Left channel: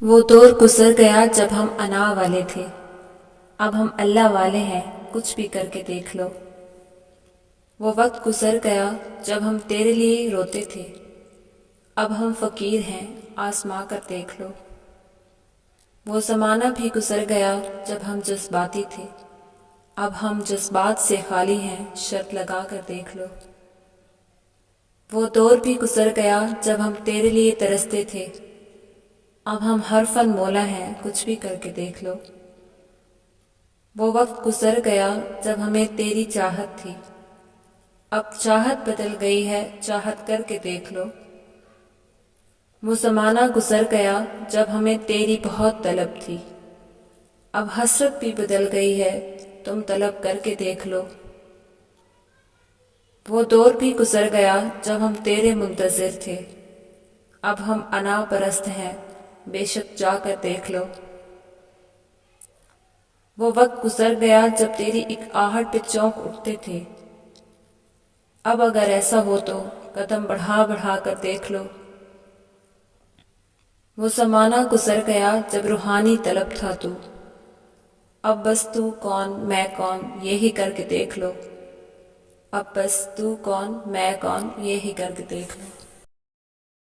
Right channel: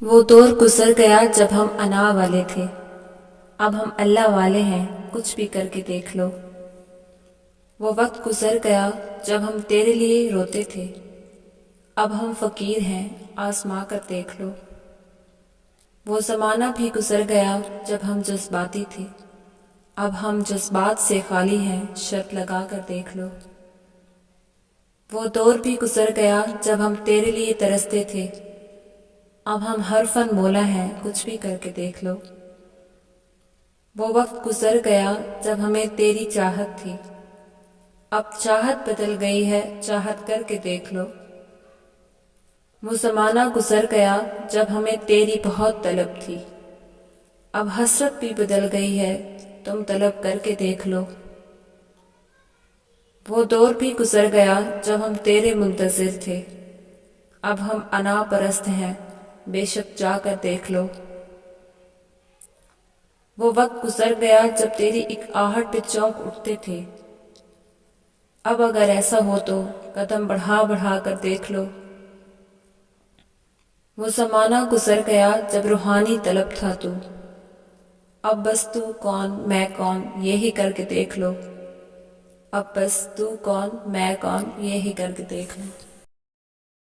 وہ دور گزر گیا جب ہم انا والے تھے، اب ہم اللہ والے ہیں، کچھ بھی کر کے دیکھ لو۔ وہ وقت گزر گیا جب ہم تیرے لیے روتے تھے، اب ہم فقیر ہیں، آزما کر دیکھ لو۔ وہ زمانہ بھی گزر گیا جب ہم جذباتی تھے، اب ہم جذبات سے خالی ہیں، شرط لگا کر دیکھ لو۔ وہ دور بھی گزر گیا جب ہم تیرے لیے ترستے تھے، اب ہم ہر فن مولا ہیں، کچھ بھی کر کے دیکھ لو۔ وہ وقت گزر گیا جب ہمیں تیری چاہت تھی، اب چاہت بدل گئی ہے، چاہت کر کے دیکھ لو۔ وہ زمانہ گزر گیا جب ہمیں تیری بہت طلب تھی، اب حسرت بھی بدل گئی ہے، تم طلب کر کے دیکھ لو۔ وہ دور بھی گزر گیا جب ہم تیرے منتظر تھے، اب ہم انا پرست ہیں، بے شک جا کر دیکھ لو۔ وہ وقت گزر گیا جب تیری ایک آہٹ پہ چونک اٹھتے تھے، اب اگر ایسا ہو تو قدم بڑھا بڑھا کر دیکھ لو۔ وہ زمانہ گزر گیا جب روحانی طلب تھا تو، اب بس تو کون میں کون یہی کر کے دیکھ لو۔ اب بس تو کون میں کون یہی کر کے دیکھ لو۔